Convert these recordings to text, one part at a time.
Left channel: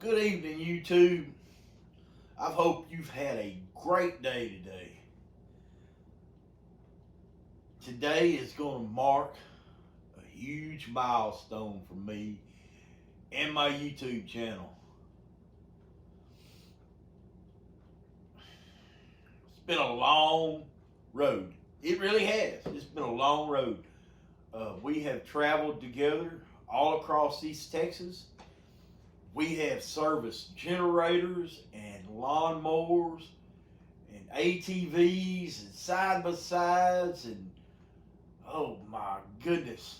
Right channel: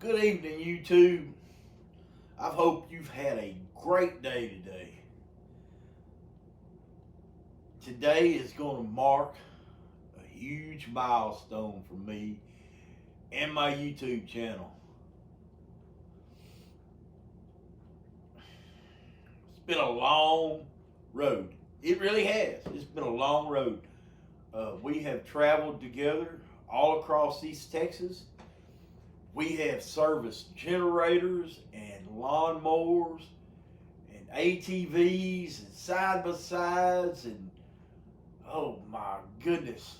Good evening, YouTube. I hope you've had a great day today. Today is going to mark a huge milestone for me and my YouTube channel. It's been a long road. It really has. It's been a long road. We have traveled together all across East Texas. We have serviced generators and lawnmowers and ATVs and side by sides and oh my goodness,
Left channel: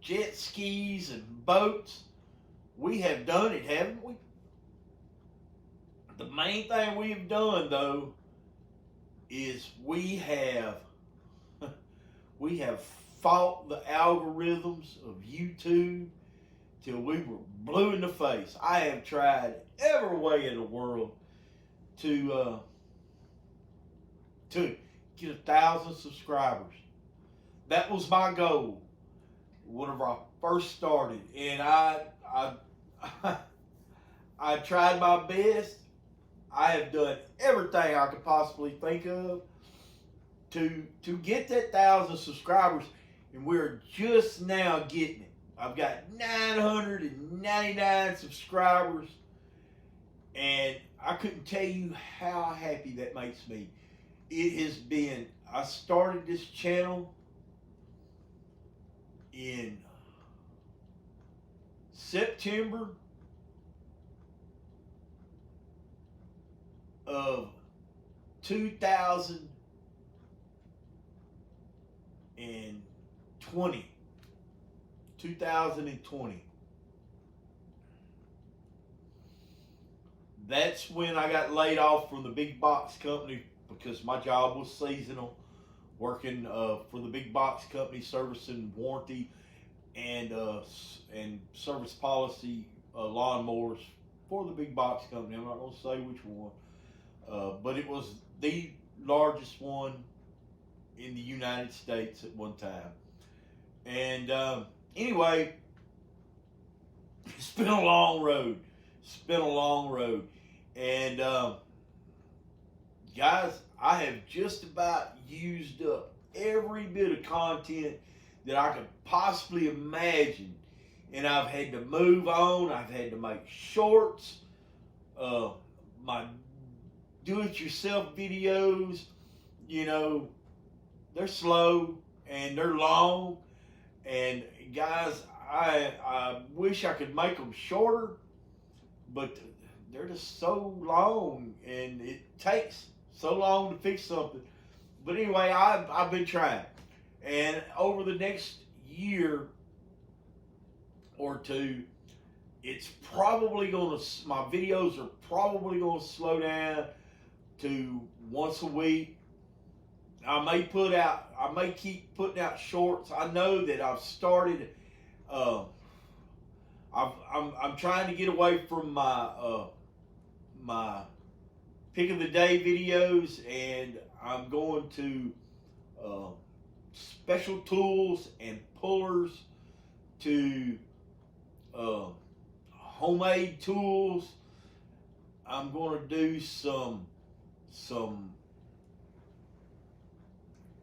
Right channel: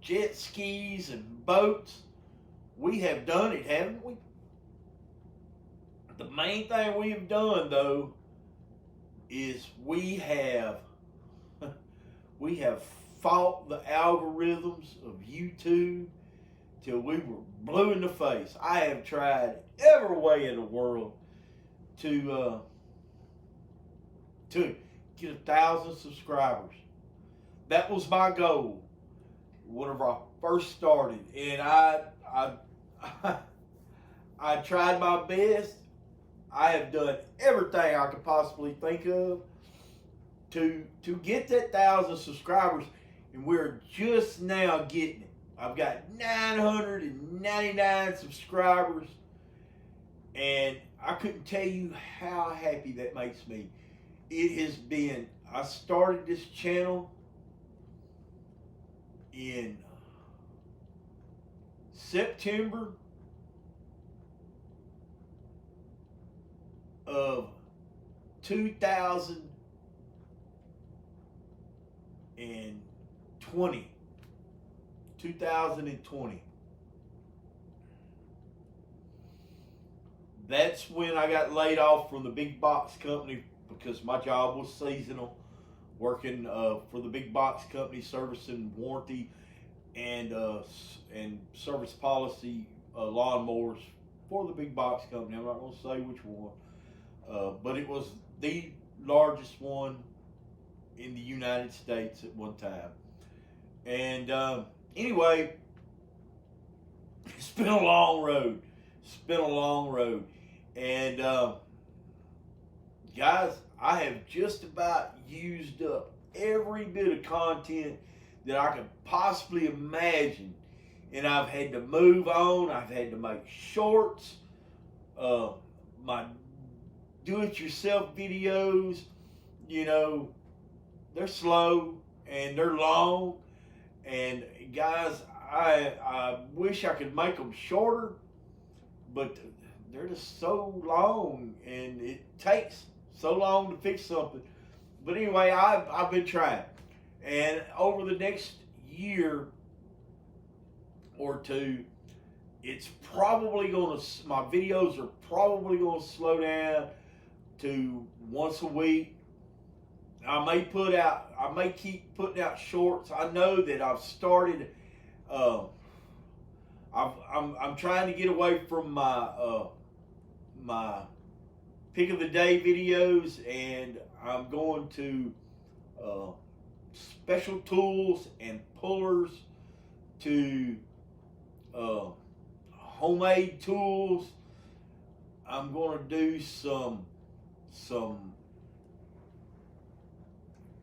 jet skis and boats. We have done it, haven't we? The main thing we have done though is we have fought the algorithms of YouTube till we were blue in the face. I have tried every way in the world to get 1,000 subscribers. That was my goal whenever I first started, and I tried my best. I have done everything I could possibly think of to get that 1,000 subscribers, and we're just now getting it. I've got 999 subscribers, and I couldn't tell you how happy that makes me. It has been, I started this channel in September of 2020. 2020. That's when I got laid off from the big box company because my job was seasonal, working for the big box company, servicing warranty and service policy lawnmowers for the big box company. I'm not going to say which one, but it was the largest one in the United States at one time. And anyway, it's been a long road. And guys, I have just about used up every bit of content that I could possibly imagine. And I've had to move on. I've had to make shorts. My do-it-yourself videos, they're slow and they're long. And guys, I wish I could make them shorter, but they're just so long and it takes so long to fix something. But anyway, I've been trying. And over the next year or two, it's probably going to, my videos are probably going to slow down to once a week. I may keep putting out shorts. I know that I've started. I'm trying to get away from my pick of the day videos, and I'm going to special tools and pullers to homemade tools. I'm going to do some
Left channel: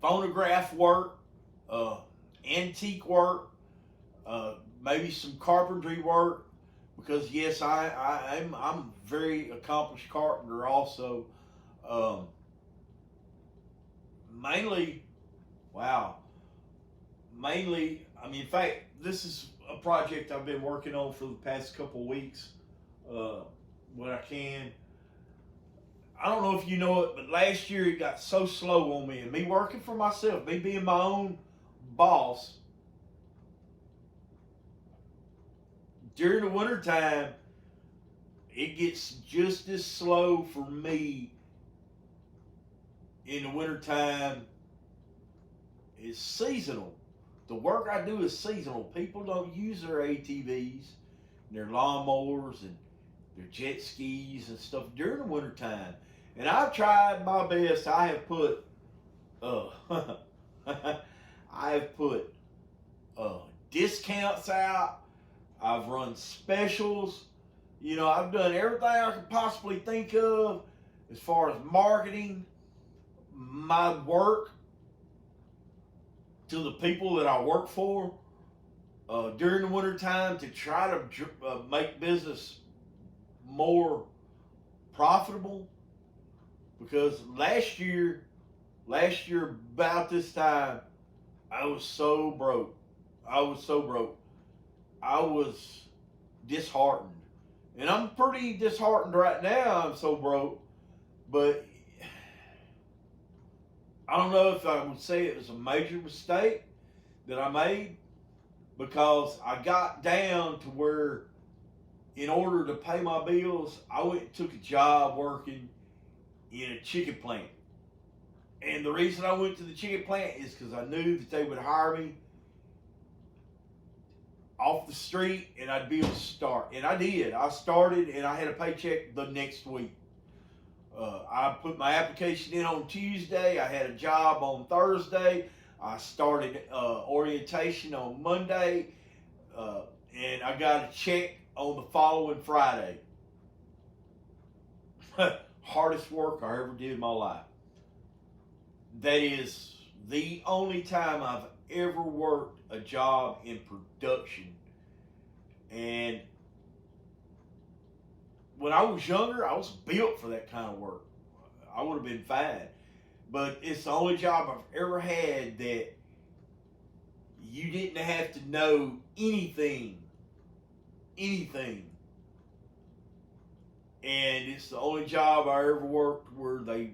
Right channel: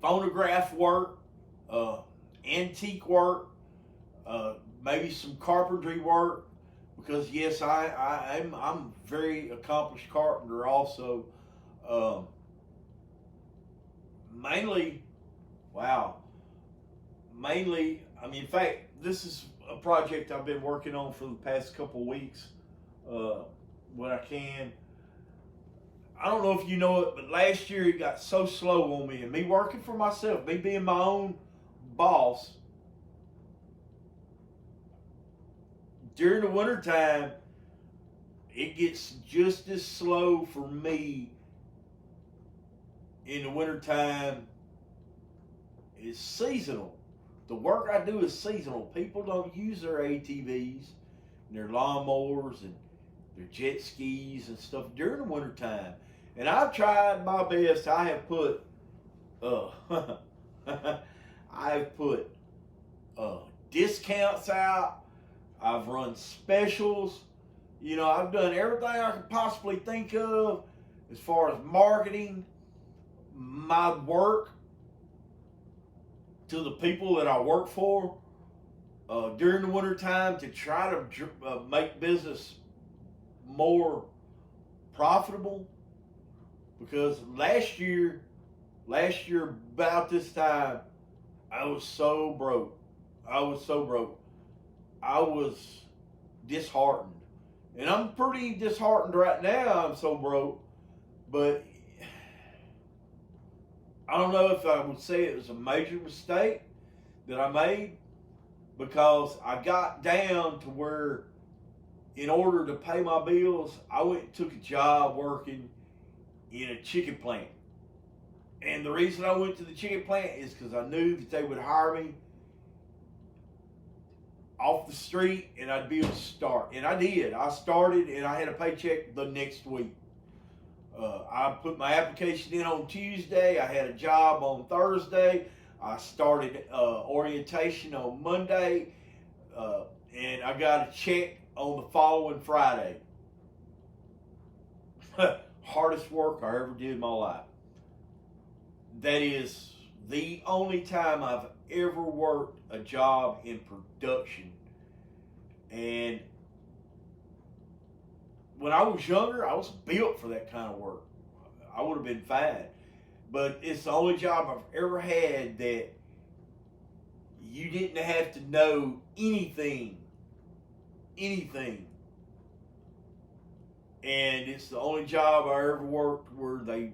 phonograph work, antique work, maybe some carpentry work, because yes, I'm a very accomplished carpenter also. Mainly, in fact, this is a project I've been working on for the past couple of weeks. When I can. I don't know if you know it, but last year it got so slow on me, and me working for myself, me being my own boss. During the wintertime, it gets just as slow for me in the wintertime. It's seasonal. The work I do is seasonal. People don't use their ATVs and their lawnmowers and their jet skis and stuff during the wintertime. And I've tried my best. I have put discounts out. I've run specials. I've done everything I could possibly think of as far as marketing my work to the people that I work for during the wintertime to try to make business more profitable. Because last year about this time, I was so broke. I was disheartened. And I'm pretty disheartened right now. I'm so broke. But I don't know if I would say it was a major mistake that I made, because I got down to where, in order to pay my bills, I went and took a job working in a chicken plant. And the reason I went to the chicken plant is because I knew that they would hire me off the street and I'd be able to start. And I did. I started and I had a paycheck the next week. I put my application in on Tuesday. I had a job on Thursday. I started orientation on Monday. And I got a check on the following Friday. Hardest work I ever did in my life. That is the only time I've ever worked a job in production. And when I was younger, I was built for that kind of work. I would have been fine. But it's the only job I've ever had that you didn't have to know anything. And it's the only job I ever worked where they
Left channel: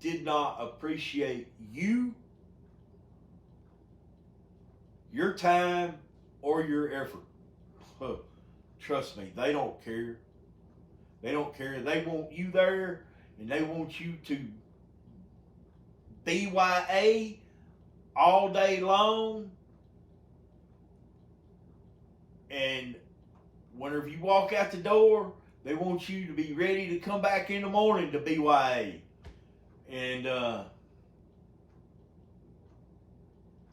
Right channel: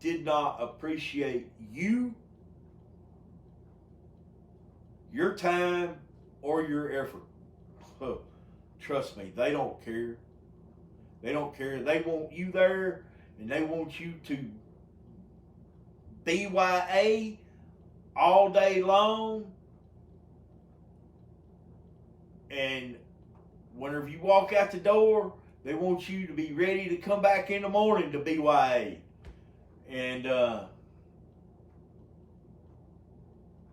did not appreciate you, your time, or your effort. Trust me, they don't care. They don't care. They want you there, and they want you to BYA all day long. And whenever you walk out the door, they want you to be ready to come back in the morning to BYA. And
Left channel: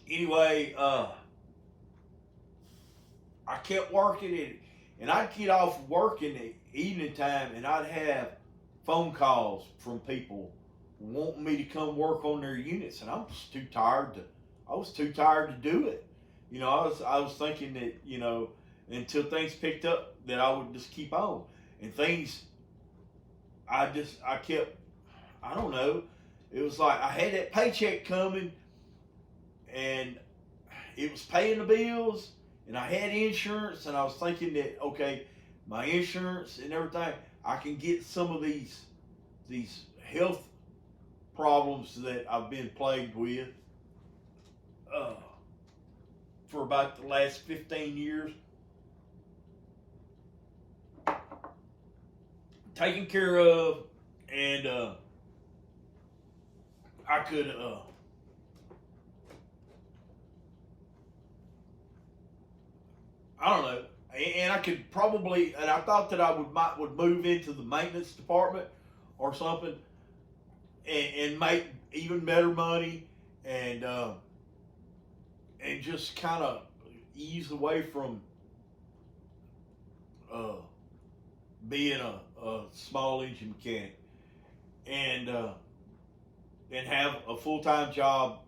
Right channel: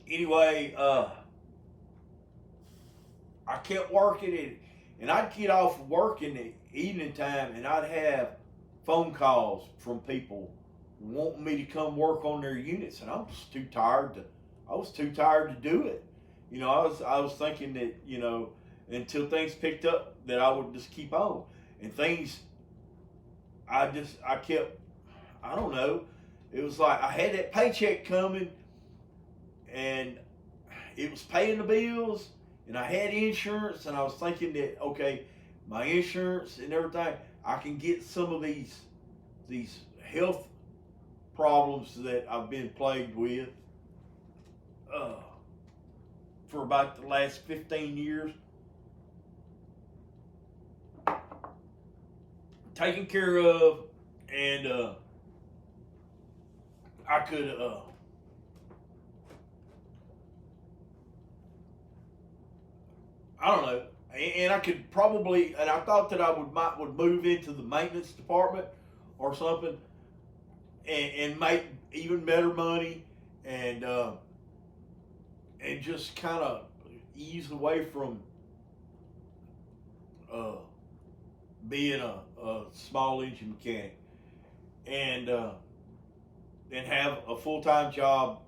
anyway, I kept working it, and I'd get off work in the evening time, and I'd have phone calls from people wanting me to come work on their units, and I was too tired to do it. I was thinking that, until things picked up, that I would just keep on. And things, I kept, I don't know. It was like I had that paycheck coming, and it was paying the bills, and I had insurance, and I was thinking that, okay, my insurance and everything, I can get some of these health problems that I've been plagued with for about the last 15 years, taken care of. And I could I don't know, and I could probably, and I thought that I would move into the maintenance department or something, and make even better money, and just kind of ease away from being a small engine mechanic, and have a full-time job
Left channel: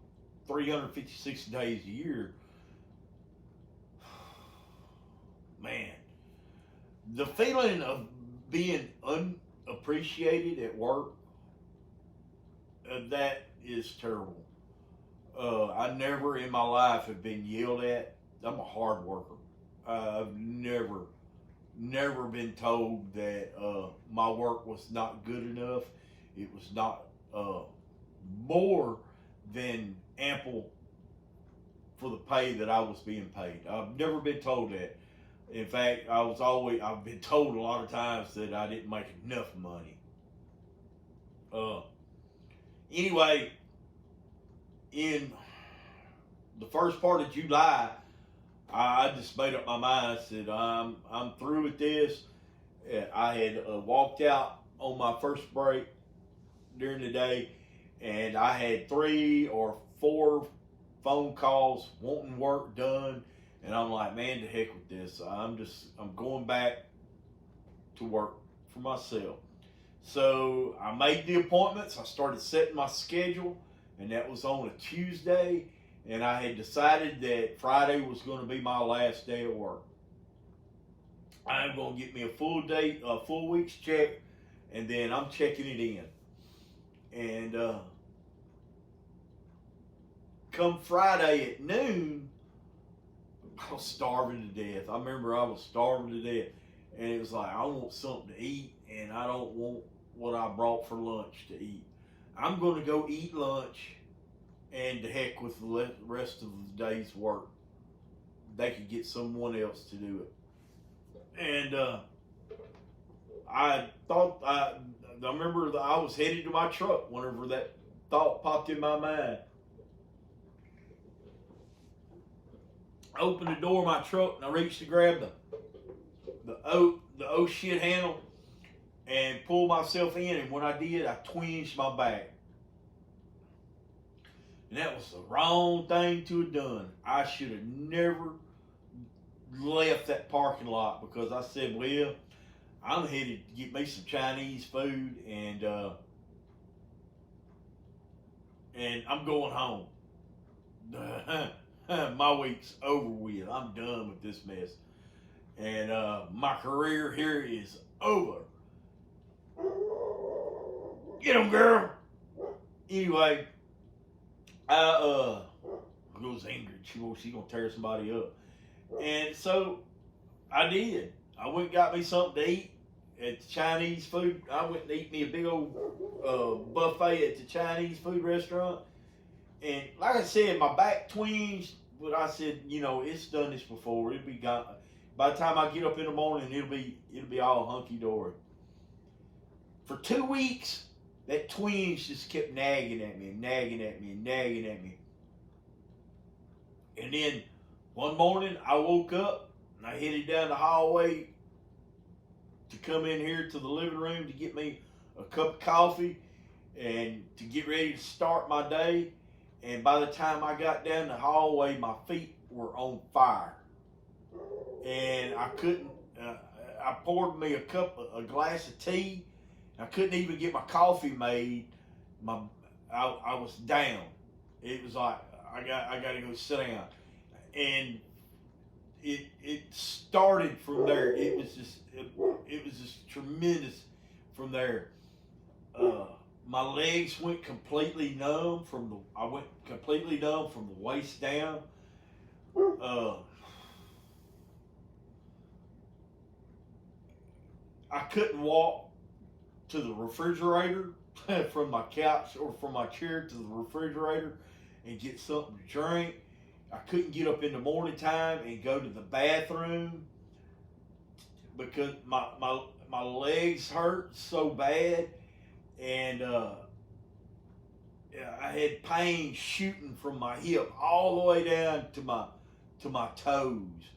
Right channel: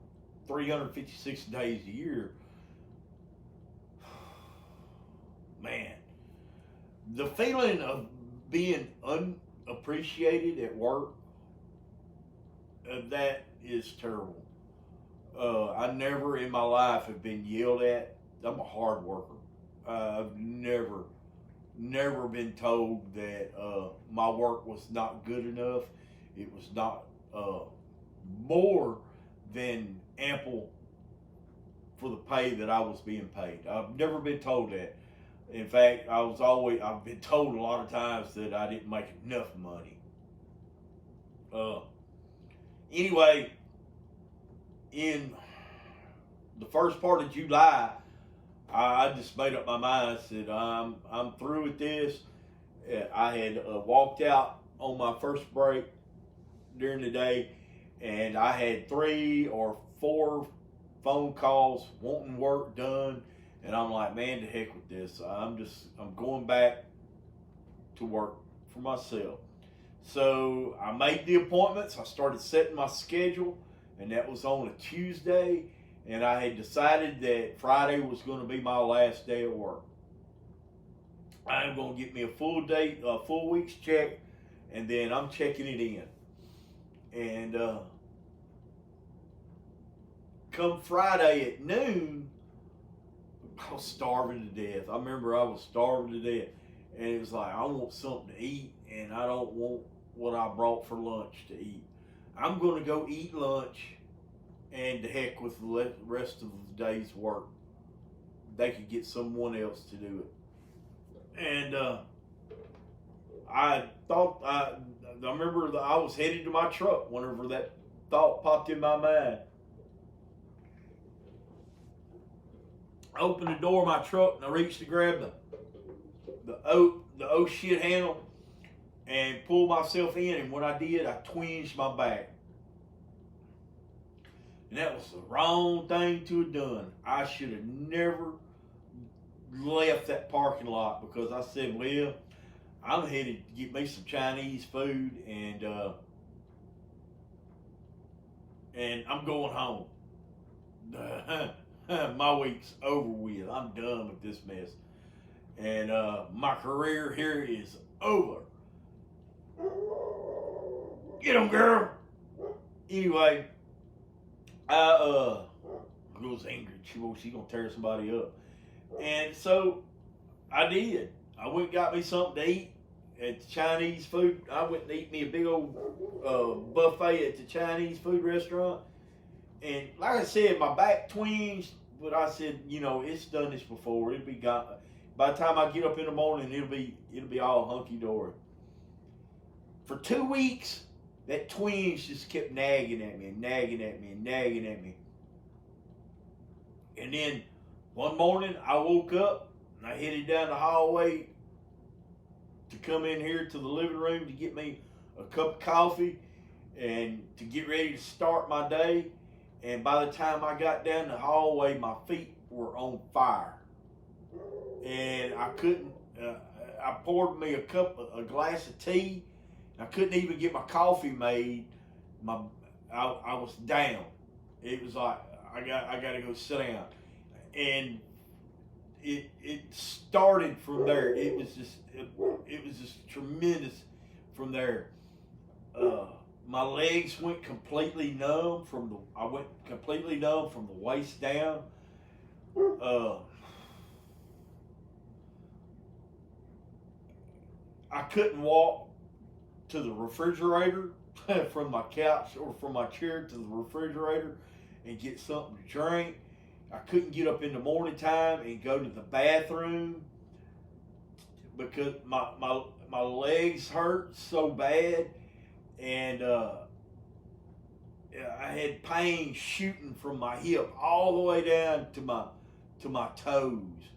356 days a year. Man, the feeling of being unappreciated at work, that is terrible. I never in my life have been yelled at. I'm a hard worker. I've never been told that my work was not good enough. It was not more than ample for the pay that I was being paid. I've never been told that. In fact, I've been told a lot of times that I didn't make enough money. Anyway, in the first part of July, I just made up my mind. I said, I'm through with this. I had walked out on my first break during the day, and I had 3 or 4 phone calls wanting work done. And I'm like, man, to heck with this. I'm going back to work for myself. So I made the appointments. I started setting my schedule, and that was on a Tuesday. And I had decided that Friday was going to be my last day at work. I'm going to get me a full week's check, and then I'm checking it in. And come Friday at noon, I was starving to death. I remember I was starving to death. And it was like, I want something to eat, and I don't want what I brought for lunch to eat. I'm going to go eat lunch, and to heck with the rest of the day's work. They could get someone else to do it. And I remember that I was headed to my truck whenever that thought popped in my mind. I opened the door of my truck, and I reached to grab the oh shit handle and pull myself in, and when I did, I twinged my back. And that was the wrong thing to have done. I should have never left that parking lot, because I said, well, I'm headed to get me some Chinese food, and I'm going home. My week's over with. I'm done with this mess. And my career here is over. Get him, girl. Anyway, I was angry. She's gonna tear somebody up. And so I did. I went and got me something to eat at the Chinese food. I went and ate me a big old buffet at the Chinese food restaurant. And like I said, my back twinged, but I said, it's done this before. It'll be gone. By the time I get up in the morning, it'll be all hunky dory. For 2 weeks, that twinge just kept nagging at me and nagging at me and nagging at me. And then one morning, I woke up and I headed down the hallway to come in here to the living room to get me a cup of coffee and to get ready to start my day. And by the time I got down the hallway, my feet were on fire. And I couldn't, I poured me a glass of tea. I couldn't even get my coffee made. I was down. It was like, I got to go sit down. And it started from there. It was just tremendous from there. My legs went completely numb from the waist down. I couldn't walk to the refrigerator from my couch or from my chair to the refrigerator and get something to drink. I couldn't get up in the morning time and go to the bathroom because my legs hurt so bad, and I had pain shooting from my hip all the way down to my toes,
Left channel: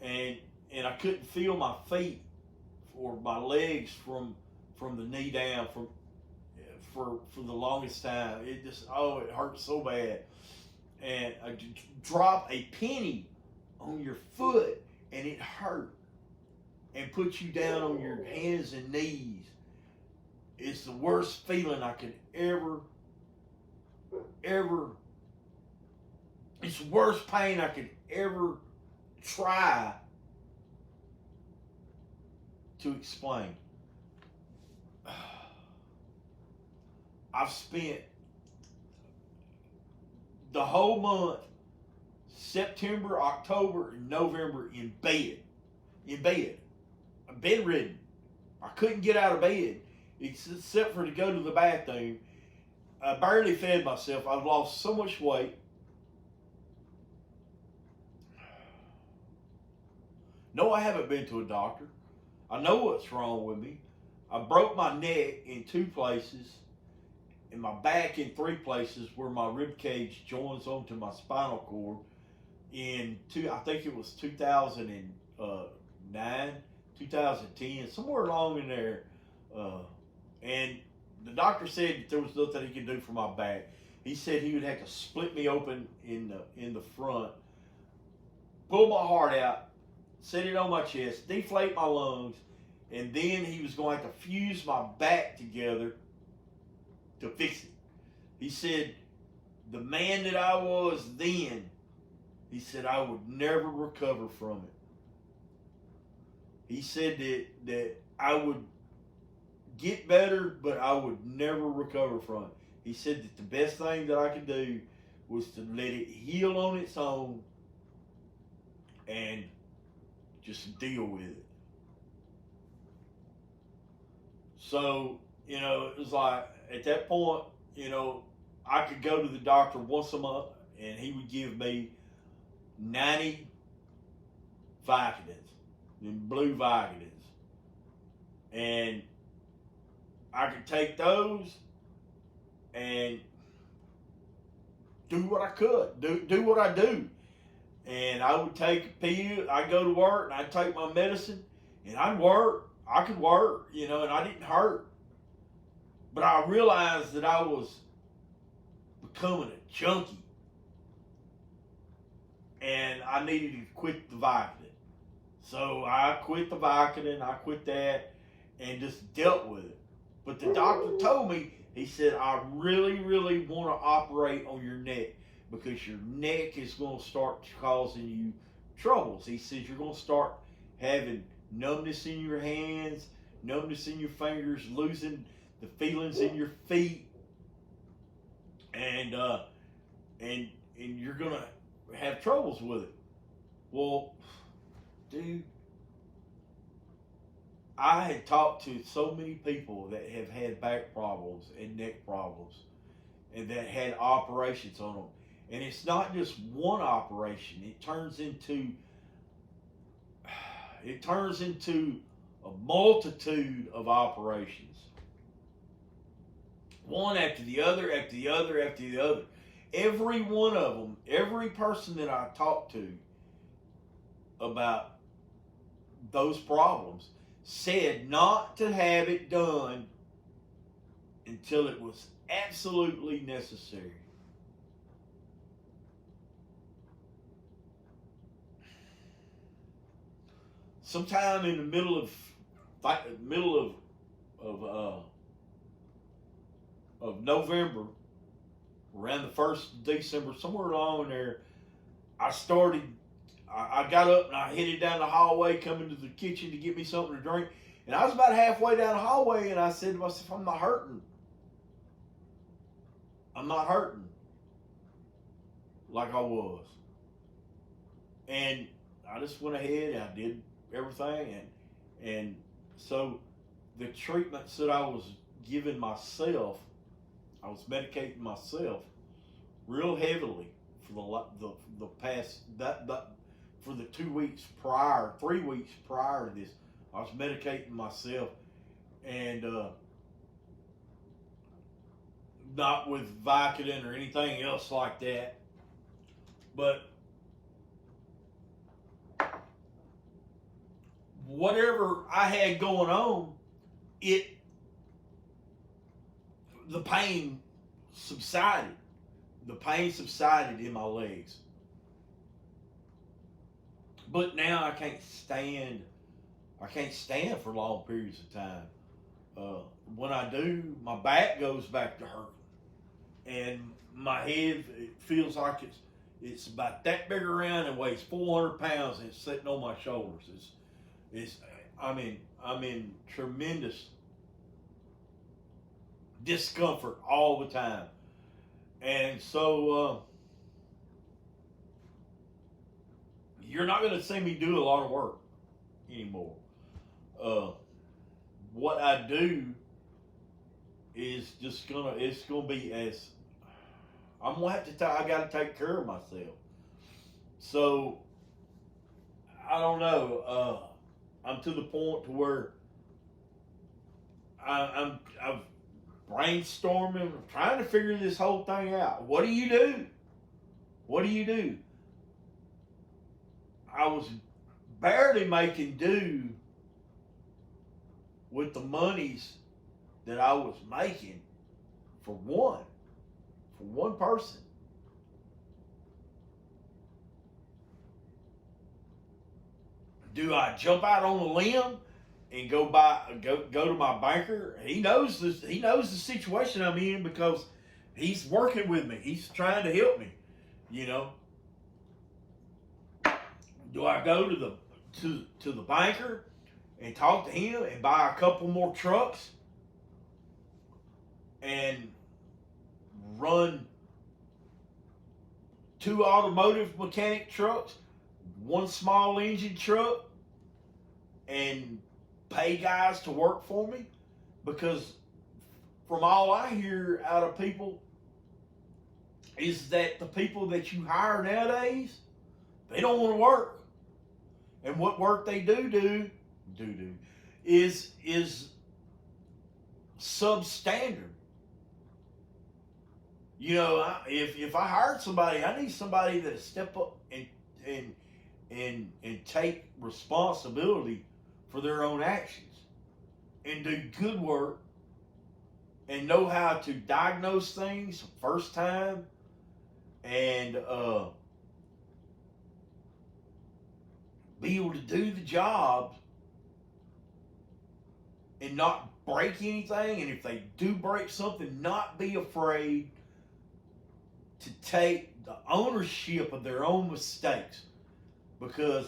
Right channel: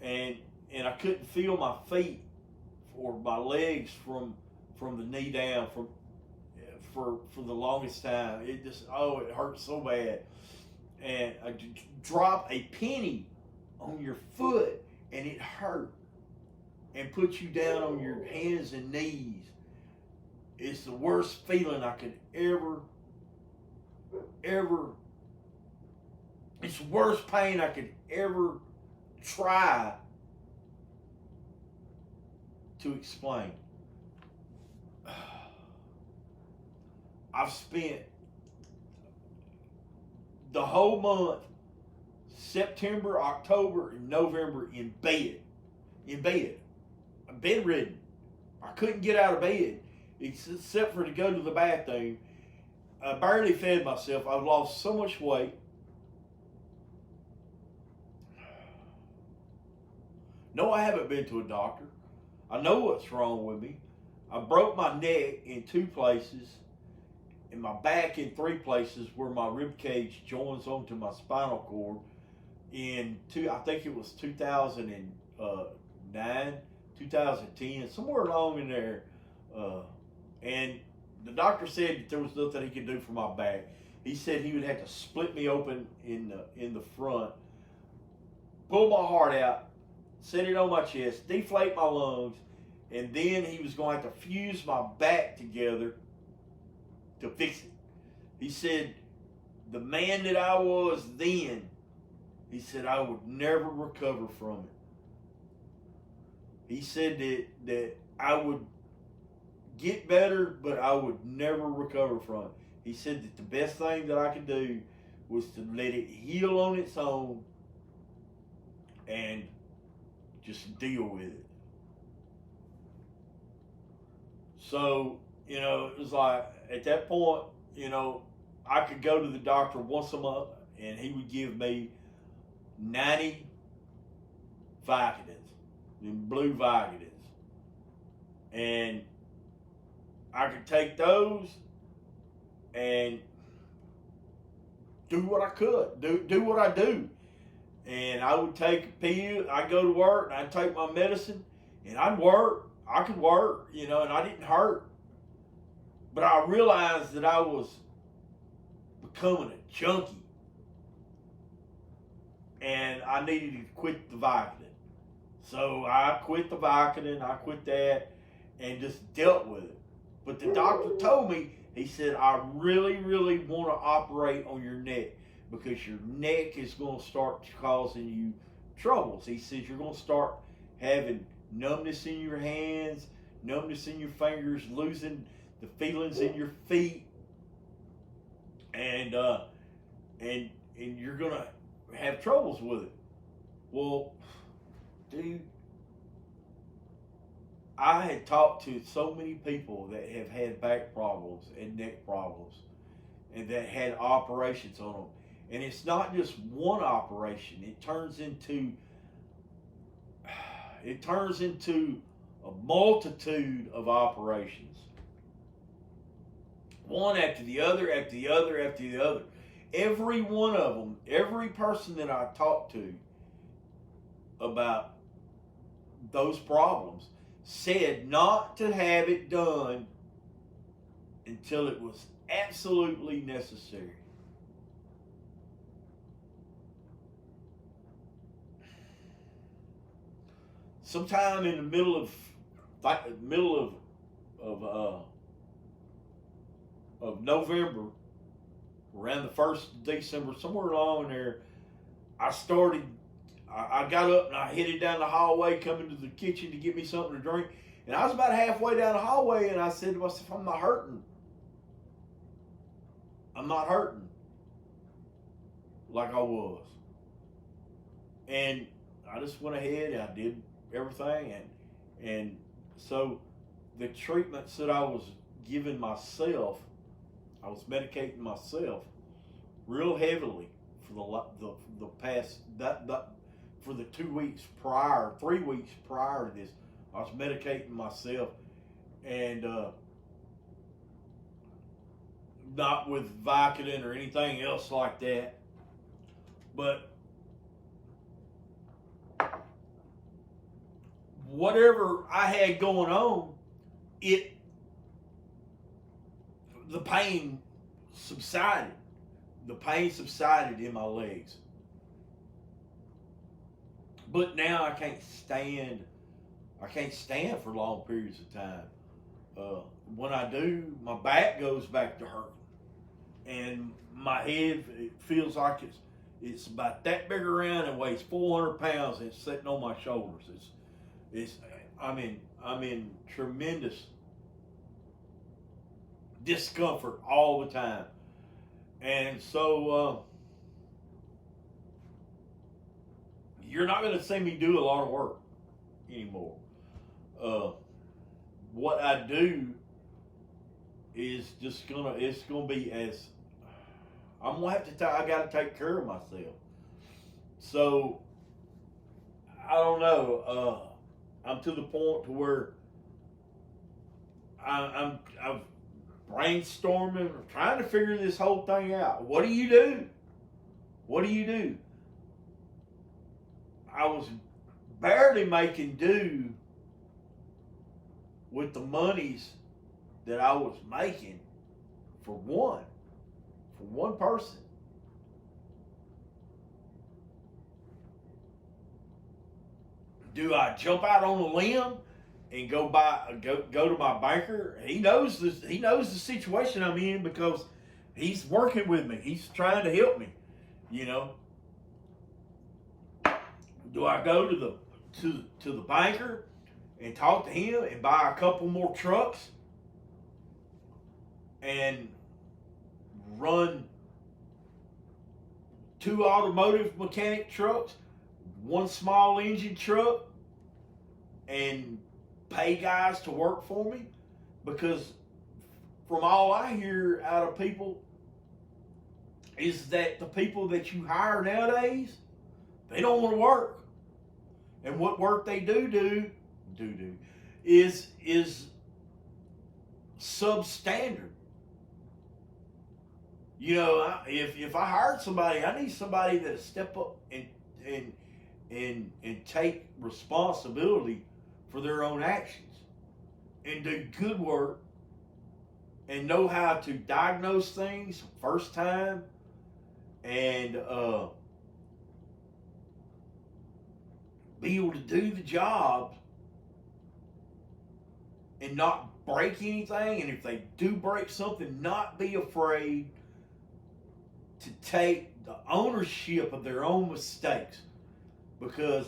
and I couldn't feel my feet or my legs from the knee down for the longest time. It hurt so bad. And drop a penny on your foot and it hurt, and put you down on your hands and knees. It's the worst feeling I could ever, it's the worst pain I could ever try to explain. I've spent the whole month, September, October, and November in bed, bedridden. I couldn't get out of bed except for to go to the bathroom. I barely fed myself. I've lost so much weight. No, I haven't been to a doctor. I know what's wrong with me. I broke my neck in 2 places, and my back in 3 places where my rib cage joins onto my spinal cord. I think it was 2009, 2010, somewhere along in there. And the doctor said that there was nothing he could do for my back. He said he would have to split me open in the front, pull my heart out, set it on my chest, deflate my lungs, and then he was going to have to fuse my back together to fix it. He said, the man that I was then, he said, I would never recover from it. He said that I would get better, but I would never recover from it. He said that the best thing that I could do was to let it heal on its own and just deal with it. So, you know, it was like, at that point, you know, I could go to the doctor once a month and he would give me 90 Vicodins, blue Vicodins. And I could take those and do what I could, do what I do. And I would take a pill, I'd go to work and I'd take my medicine and I'd work. I could work, you know, and I didn't hurt. But I realized that I was becoming a junkie. And I needed to quit the Vicodin. So I quit the Vicodin, I quit that, and just dealt with it. But the doctor told me, he said, I really, really want to operate on your neck because your neck is going to start causing you troubles. He says you're going to start having numbness in your hands, numbness in your fingers, losing the feelings in your feet, and you're going to have troubles with it. Well, dude, I had talked to so many people that have had back problems and neck problems and that had operations on them. And it's not just one operation. It turns into a multitude of operations. One after the other, after the other, after the other. Every one of them, every person that I talked to about those problems said not to have it done until it was absolutely necessary. Sometime in the middle of November, around the 1st of December, somewhere along there, I got up and I headed down the hallway, coming to the kitchen to get me something to drink. And I was about halfway down the hallway and I said to myself, I'm not hurting. I'm not hurting like I was. And I just went ahead and I did everything. And so the treatments that I was giving myself, I was medicating myself real heavily for the past for the 2 weeks prior, 3 weeks prior to this. I was medicating myself, and not with Vicodin or anything else like that, but whatever I had going on, the pain subsided. The pain subsided in my legs. But now I can't stand for long periods of time. When I do, my back goes back to hurting. And my head, it feels like it's about that big around and weighs 400 pounds and it's sitting on my shoulders. I'm in tremendous discomfort all the time. And so you're not going to see me do a lot of work anymore. What I do is it's going to be as, I'm going to have to, I got to take care of myself. So, I don't know, I'm to the point to where I'm brainstorming, I'm trying to figure this whole thing out. What do you do? What do you do? I was barely making do with the monies that I was making for one person. Do I jump out on a limb and go to my banker. He knows this. He knows the situation I'm in because he's working with me. He's trying to help me. You know, do I go to the banker and talk to him and buy a couple more trucks and run 2 automotive mechanic trucks, 1 small engine truck, and pay guys to work for me? Because from all I hear out of people is that the people that you hire nowadays, they don't want to work. And what work they do is substandard. You know, if I hired somebody, I need somebody to step up and take responsibility for their own actions and do good work and know how to diagnose things first time and be able to do the job and not break anything. And if they do break something, not be afraid to take the ownership of their own mistakes. Because,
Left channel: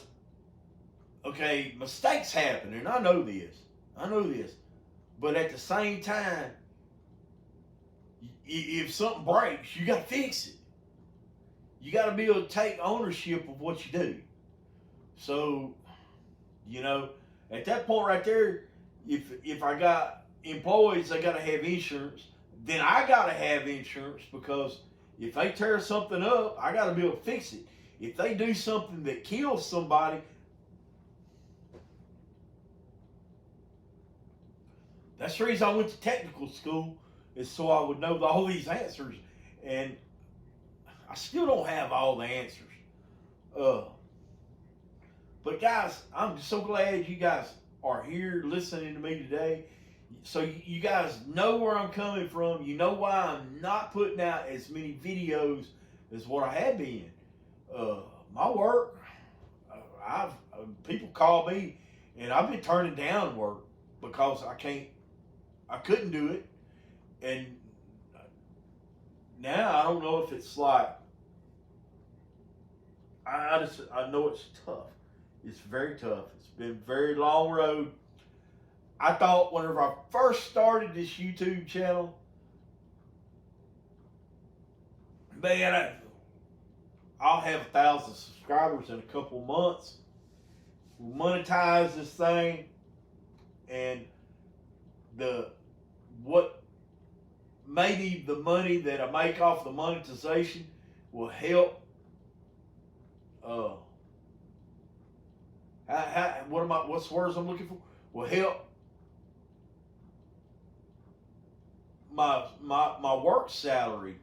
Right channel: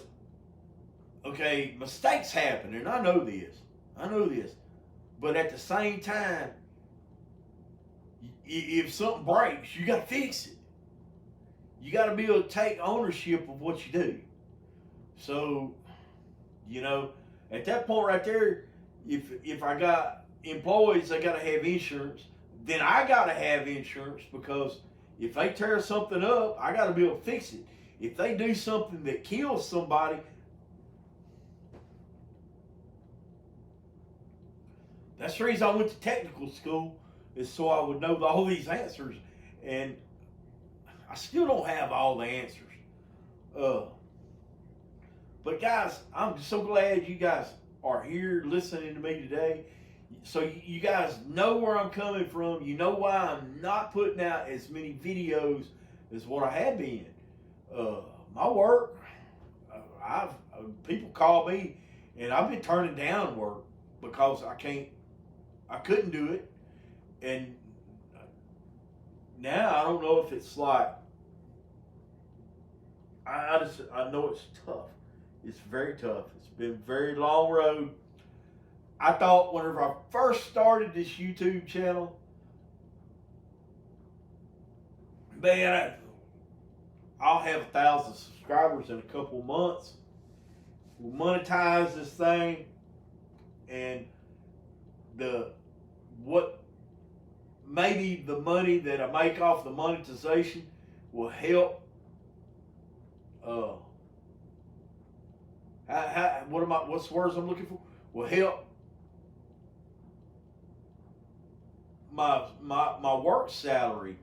okay, mistakes happen, and I know this. But at the same time, if something breaks, you got to fix it. You got to be able to take ownership of what you do. So, you know, at that point right there, if I got employees, they got to have insurance. Then I got to have insurance, because if they tear something up, I got to be able to fix it. If they do something that kills somebody, that's the reason I went to technical school, is so I would know all these answers. And I still don't have all the answers. But guys, I'm so glad you guys are here listening to me today. So you guys know where I'm coming from. You know why I'm not putting out as many videos as what I have been. My work, people call me, and I've been turning down work because I couldn't do it. And now I don't know if it's like, I know it's tough. It's very tough. It's been a very long road. I thought whenever I first started this YouTube channel, man, I'll have 1,000 subscribers in a couple months. We'll monetize this thing, and maybe the money that I make off the monetization will help. What's the words I'm looking for? Will help my work salary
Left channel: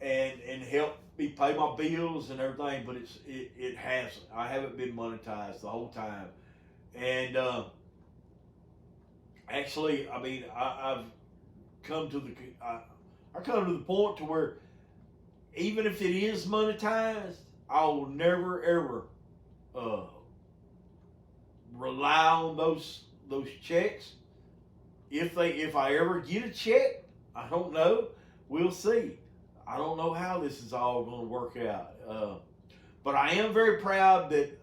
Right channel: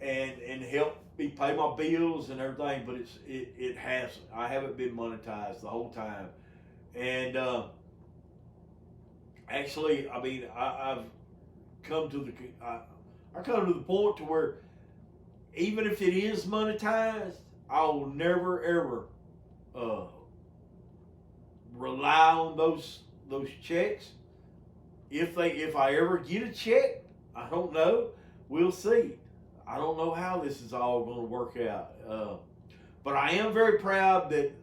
and help me pay my bills and everything. But it hasn't. I haven't been monetized the whole time. And actually, I mean, I've come to the point to where even if it is monetized, I will never ever rely on those checks. If I ever get a check, I don't know. We'll see. I don't know how this is all going to work out. But I am very proud that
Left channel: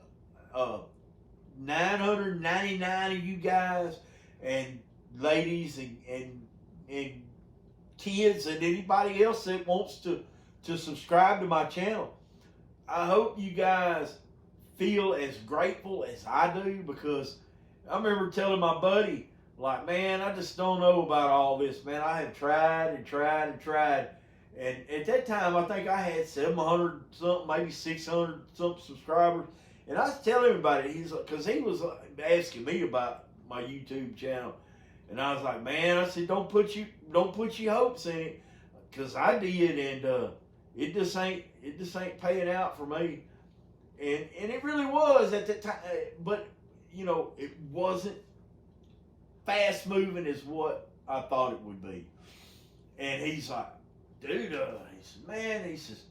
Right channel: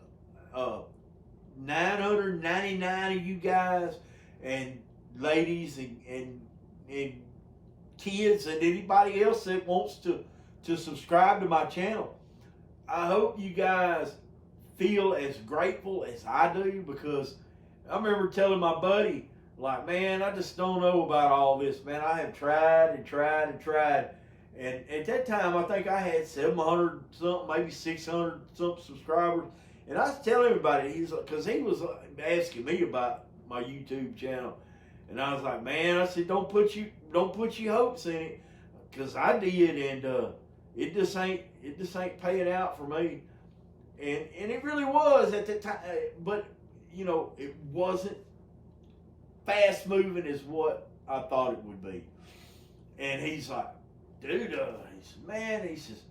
999 of you guys and ladies and kids and anybody else that wants to subscribe to my channel, I hope you guys feel as grateful as I do, because I remember telling my buddy, like, man, I just don't know about all this, man. I have tried and tried and tried. And at that time, I think I had 700 something, maybe 600 something subscribers. And I was telling everybody, because he was asking me about my YouTube channel. And I was like, man, I said, don't put your hopes in it, because I did, and it just ain't paying out for me. And it really was at that time, but you know, it wasn't fast moving as what I thought it would be. And he's like, dude, he says, man, he says,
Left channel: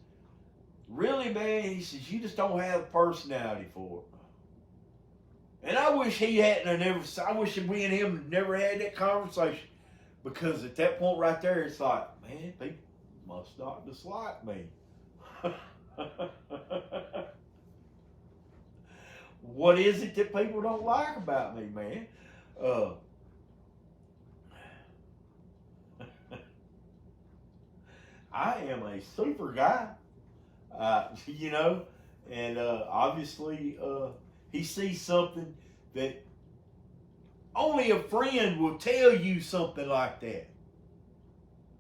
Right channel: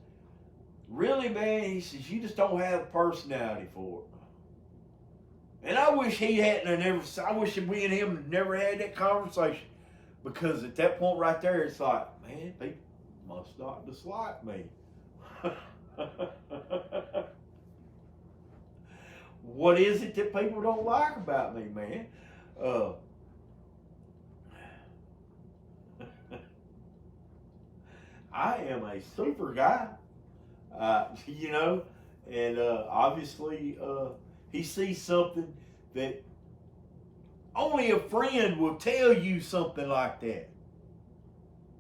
really, man, he says, you just don't have personality for it. And I wish he hadn't have never. I wish we and him never had that conversation, because at that point right there, it's like, man, people must not dislike me. What is it that people don't like about me, man? I am a super guy, you know, and obviously he sees something that only a friend will tell you something like that.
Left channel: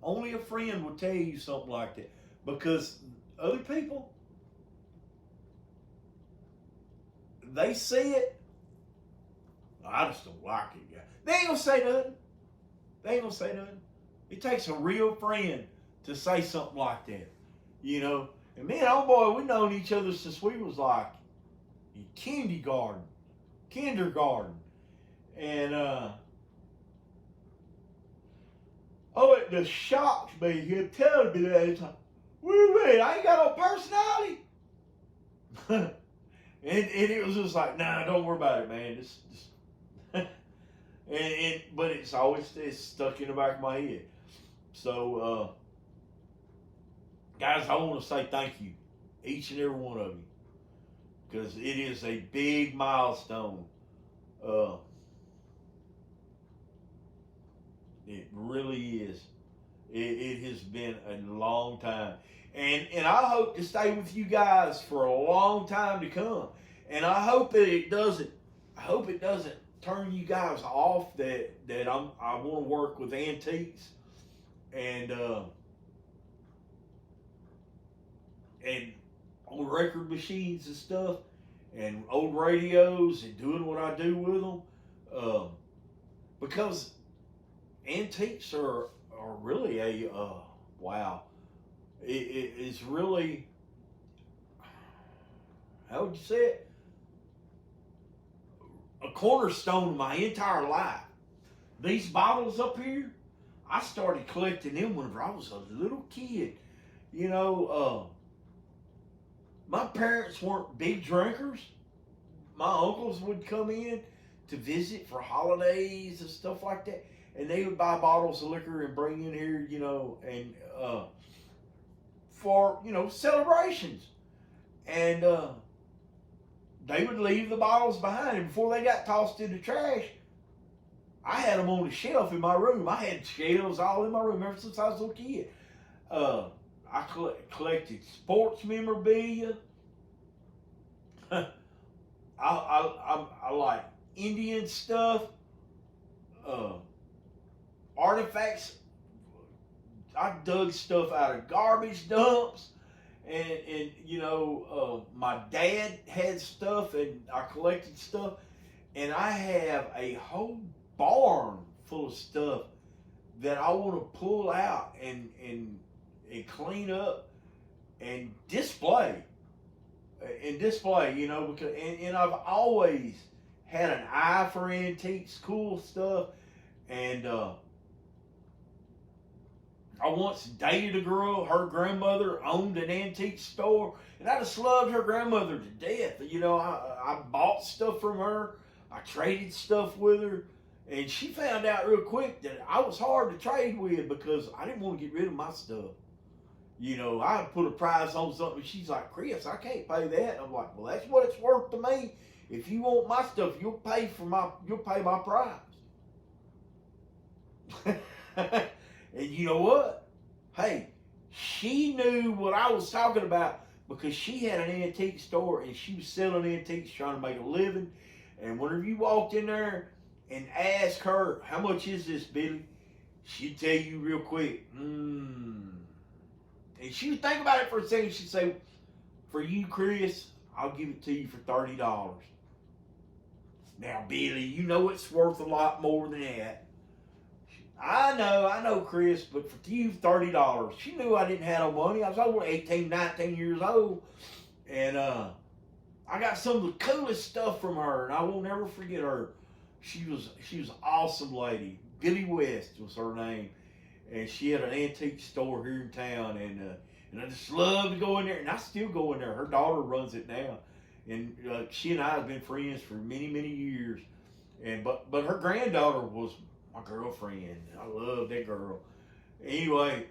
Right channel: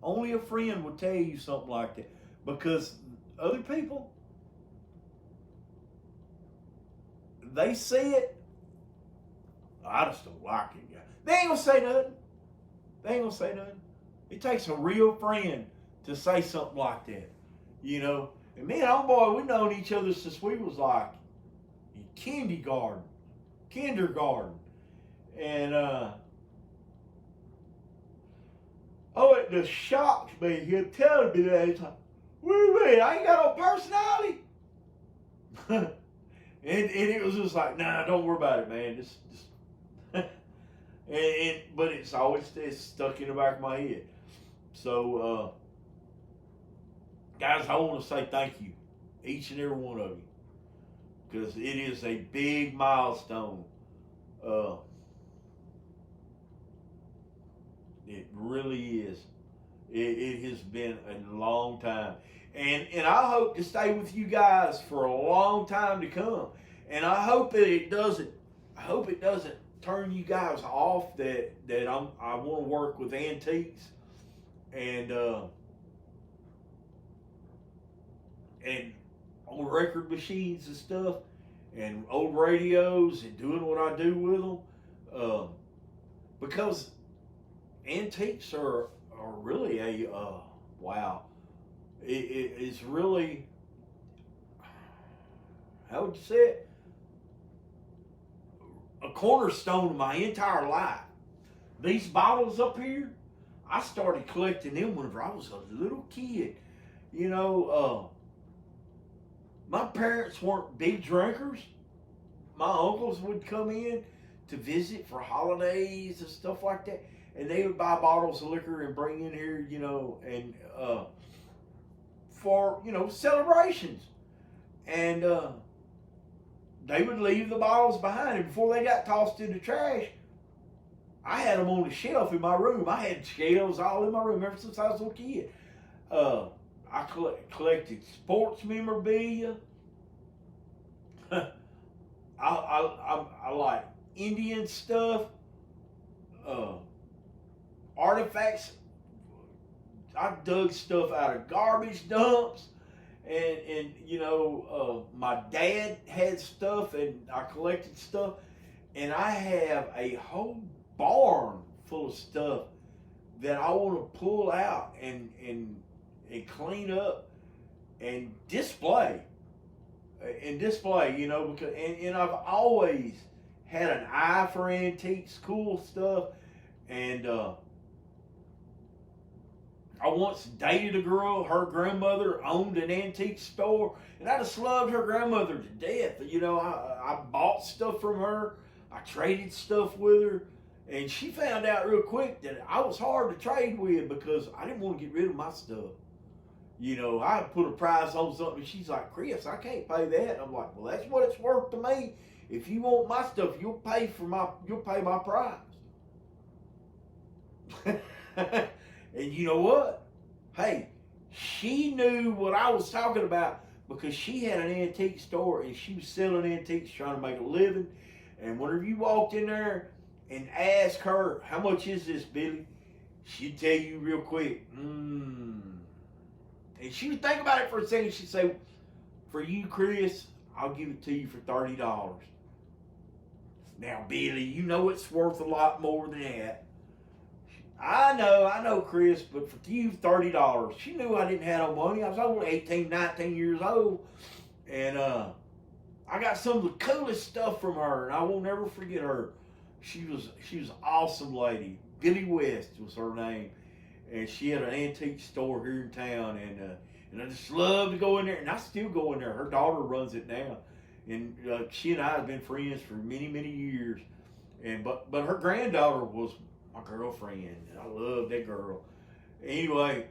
Only a friend will tell you something like that, because other people, they see it. I just don't like it, guy. They ain't gonna say nothing. They ain't gonna say nothing. It takes a real friend to say something like that, you know. And me and old boy, we known each other since we was like in kindergarten, and oh, it just shocked me. He telling me that, he's like, "Wait, I ain't got no personality." and it was just like, nah, don't worry about it, man. Just but it's always stuck in the back of my head. So, guys, I want to say thank you, each and every one of you, because it is a big milestone. It really is. It has been a long time, and I hope to stay with you guys for a long time to come. And I hope that it doesn't. I hope it doesn't turn you guys off. That I want to work with antiques and old record machines and stuff, and old radios, and doing what I do with them, because antiques are really a wow. It's really, how would you say it? A cornerstone of my entire life. These bottles up here, I started collecting them whenever I was a little kid. You know, my parents weren't big drinkers. My uncles would come in to visit for holidays and stuff like that, and they would buy bottles of liquor and bring in here, you know, and for, you know, celebrations. And they would leave the bottles behind, and before they got tossed in the trash, I had them on the shelf in my room. I had shelves all in my room ever since I was a little kid. I collected sports memorabilia. I like Indian stuff, artifacts. I dug stuff out of garbage dumps, and you know, my dad had stuff, and I collected stuff, and I have a whole barn full of stuff that I want to pull out and clean up and display. You know, because and I've always had an eye for antiques, cool stuff, and I once dated a girl. Her grandmother owned an antique store, and I just loved her grandmother to death. You know, I bought stuff from her. I traded stuff with her, and she found out real quick that I was hard to trade with because I didn't want to get rid of my stuff. You know, I put a price on something. She's like, "Chris, I can't pay that." I'm like, "Well, that's what it's worth to me. If you want my stuff, you'll pay my price." And you know what? Hey, she knew what I was talking about because she had an antique store and she was selling antiques, trying to make a living. And whenever you walked in there and asked her, "How much is this, Billy?" she'd tell you real quick, And she would think about it for a second. She'd say, "For you, Chris, I'll give it to you for $30. Now, Billy, you know it's worth a lot more than that." I know, Chris, but for you, $30. She knew I didn't have no money. I was only 18, 19 years old. And I got some of the coolest stuff from her, and I will never forget her. She was an awesome lady. Billy West was her name. And she had an antique store here in town, and I just love to go in there, and I still go in there. Her daughter runs it now, and she and I have been friends for many, many years. And but her granddaughter was my girlfriend. I love that girl. Anyway,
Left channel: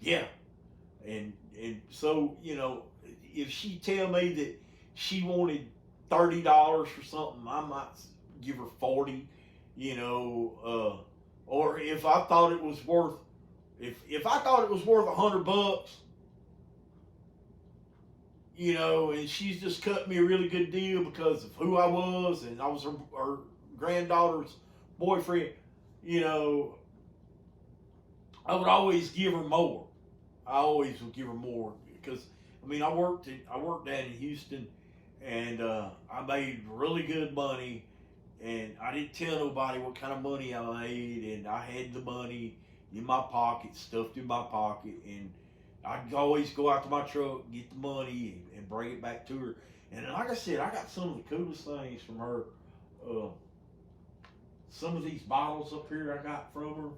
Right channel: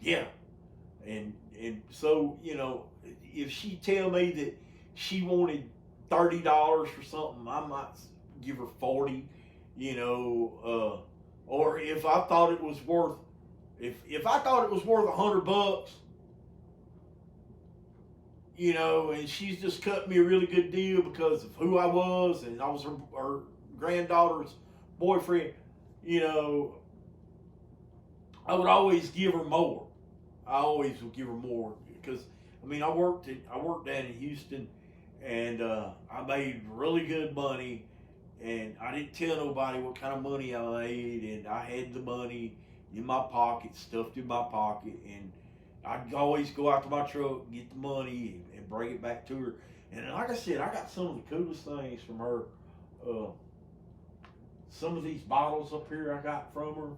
yeah, and so if she tell me that she wanted $30 for something, I might give her 40. Or if I thought it was worth if I thought it was worth $100, and she's just cut me a really good deal because of who I was and I was her granddaughter's boyfriend, you know, I would always give her more. I always would give her more because I worked down in Houston, and I made really good money, and I didn't tell nobody what kind of money I made, and I had the money in my pocket, stuffed in my pocket, and I'd always go out to my truck, get the money, and bring it back to her. And like I said, I got some of the coolest things from her. Some of these bottles up here I got from her.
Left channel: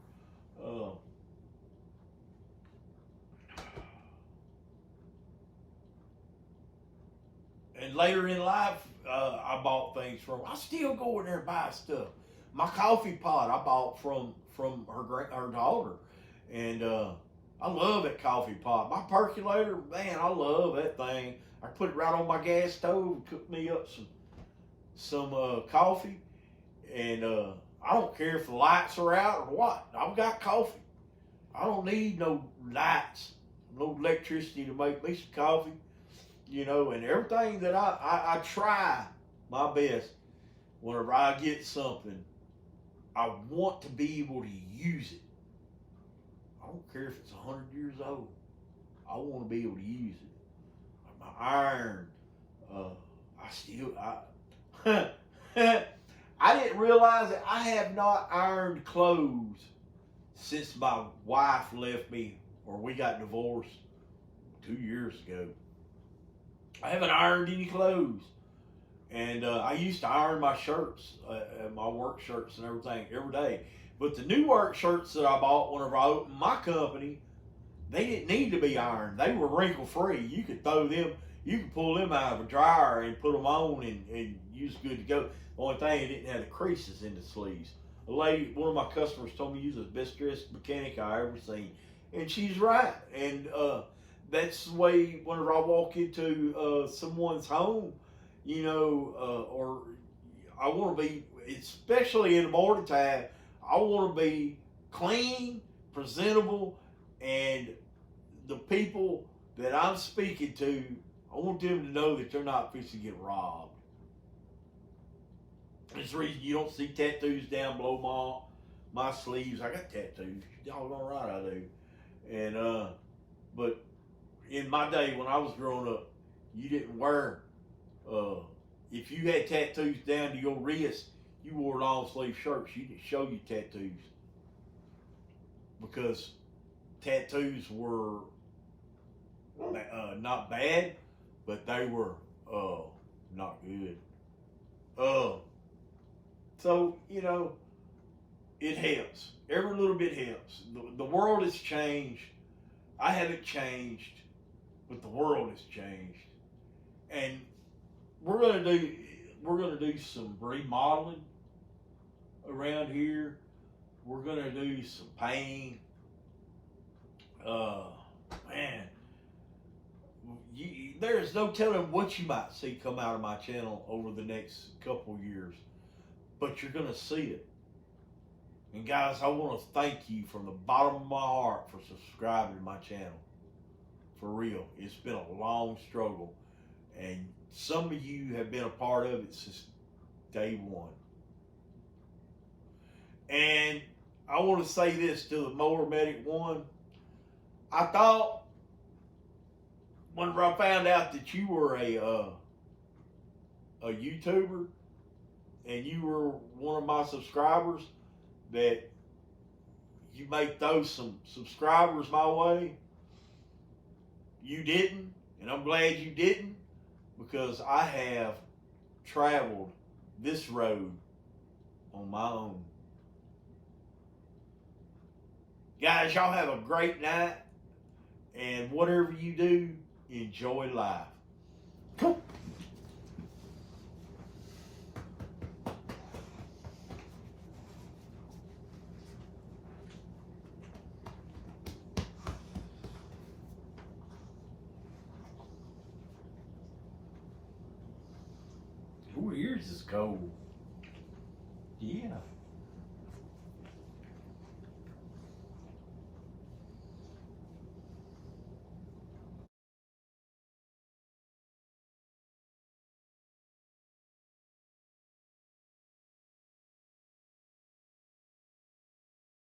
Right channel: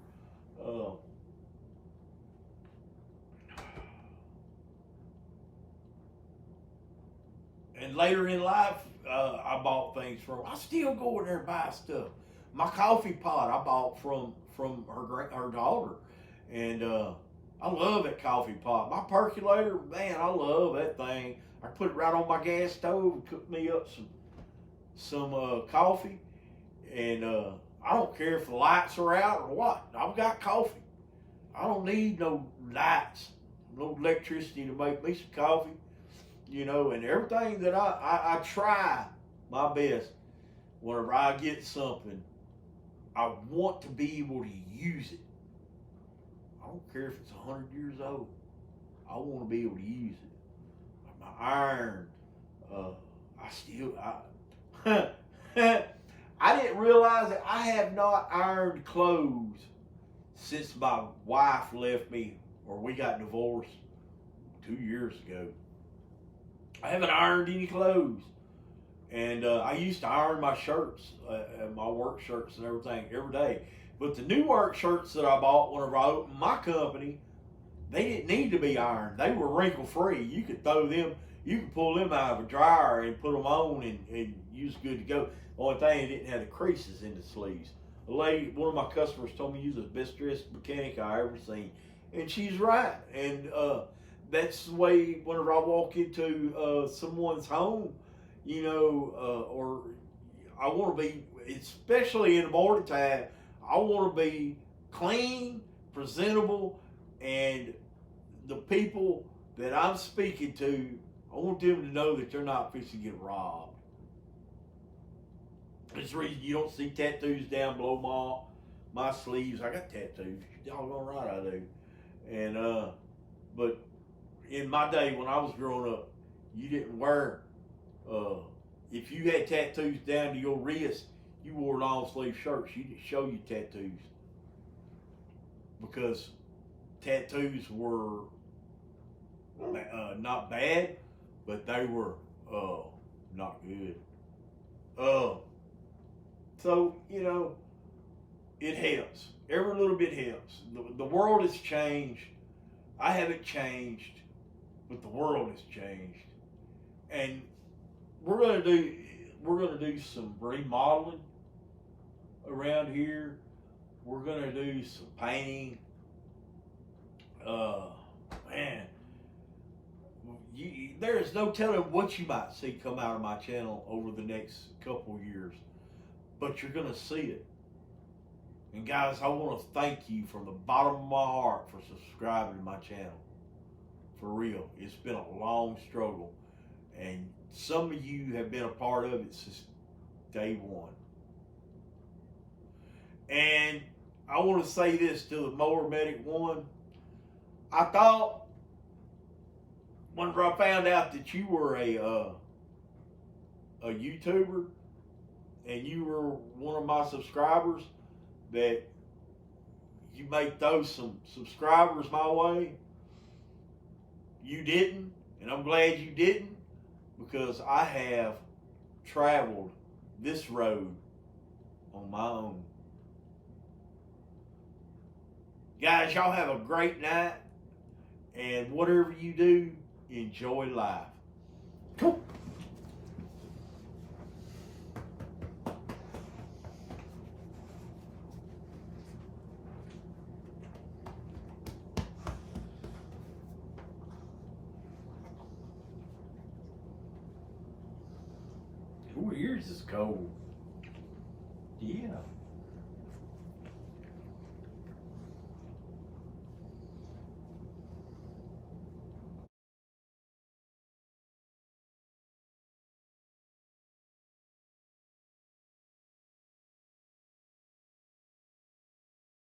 And later in life, I bought things from her. I still go in there and buy stuff. My coffee pot I bought from her daughter, and I love that coffee pot. My percolator, man, I love that thing. I put it right on my gas stove and cook me up some coffee, and I don't care if the lights are out or what. I've got coffee. I don't need no lights, no electricity to make me some coffee. And everything that I try my best whenever I get something, I want to be able to use it. I don't care if it's 100 years old. I want to be able to use it. Like my iron, I didn't realize that I have not ironed clothes since my wife left me, or we got divorced 2 years ago. I haven't ironed any clothes. And I used to iron my shirts, my work shirts and everything every day. But the new work shirts that I bought whenever I opened my company, they didn't need to be ironed. They were wrinkle free. You could pull them out of a dryer and put them on, and you was good to go. The only thing, it didn't have the creases in the sleeves. One of my customers told me you was the best dressed mechanic I ever seen. And she's right. And that's the way whenever I walk into someone's home, or I want to be, especially in the morning time, I want to be clean, presentable, and the people that I'm speaking to, I want them to know that they're not fixing to get robbed. That's the reason you don't see tattoos down below my sleeves. I got tattoos. Doggone right I do. And but in my day when I was growing up, you didn't wear if you had tattoos down to your wrist, you wore long sleeve shirts. You didn't show your tattoos because tattoos were not bad, but they were not good. So it helps. Every little bit helps. The world has changed. I haven't changed, but the world has changed, and we're gonna do some remodeling around here. We're gonna do some painting. Man, there's no telling what you might see come out of my channel over the next couple years, but you're gonna see it. And guys, I want to thank you from the bottom of my heart for subscribing to my channel. For real, it's been a long struggle, and some of you have been a part of it since day one. And I want to say this to the Mower Medic 1. I thought, whenever I found out that you were a YouTuber and you were one of my subscribers, that you may throw some subscribers my way. You didn't, and I'm glad you didn't, because I have traveled this road on my own. Guys, y'all have a great night, and whatever you do, enjoy life. Come. Ooh, yours is cold. Yeah.